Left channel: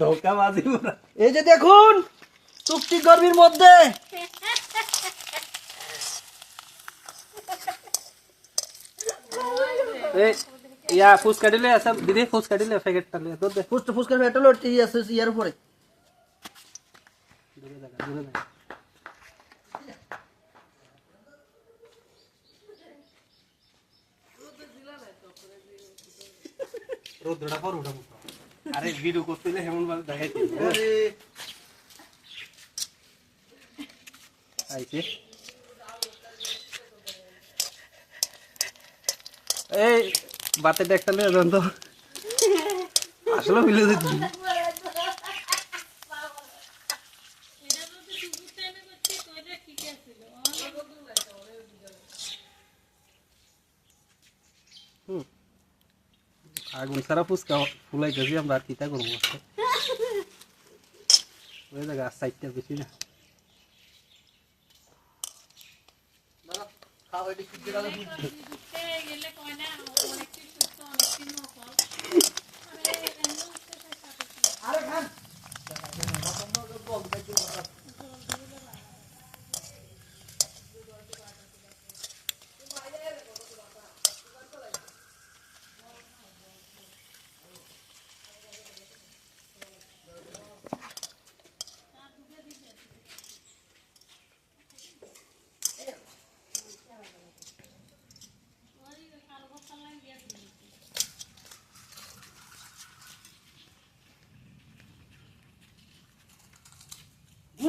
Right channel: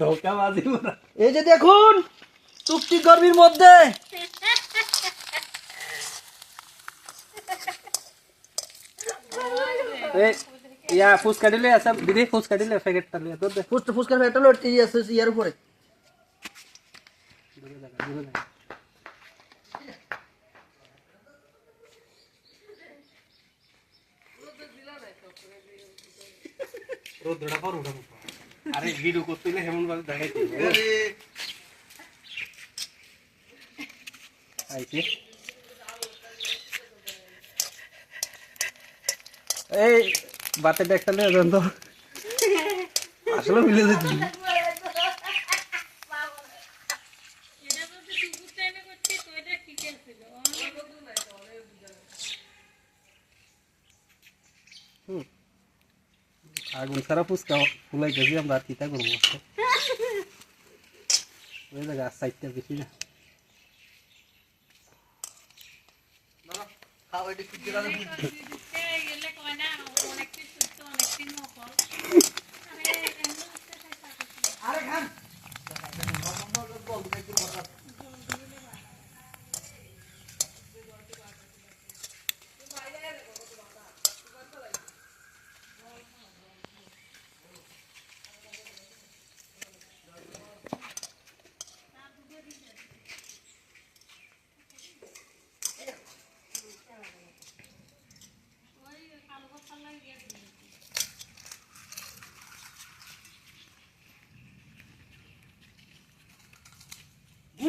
ধোকাবাজি পুরা এই যে দেখুন চুক্তি গর্বির মধ্যে এ ইয়া ফুচকা দিলে আচ্ছা দিদি ফুচকা দিলে প্যাকেটটা নিয়ে তোর দে ফুচকা ফুচকা ফেটা লোট ইয়ার উপরে দূরে দেখা দূরে দেখা রোদ্রটা পর উঠা মুখা আরে ভিডিও করতে না হেমন ভাবে দেখাইতে আইছে এই বাতে একটা নিয়ে যান তো আসলে মিলে যাচ্ছি। হুম। আগুন ছাড়া ফুচকা ফুলাই গেছি আমরা আর কিতা করবো ওই জায়গা সাইডটা বেশি না গুণগত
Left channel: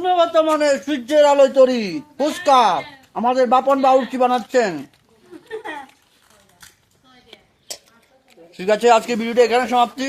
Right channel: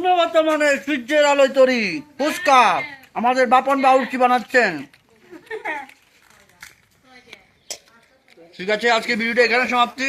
মানের সূর্যের আলোয় তরি। ফুচকা। আমাদের বাপন বাউর কি বানাচ্ছেন? ঠিক আছে, আজকে ভিডিওটা এখানে সমাপ্তি।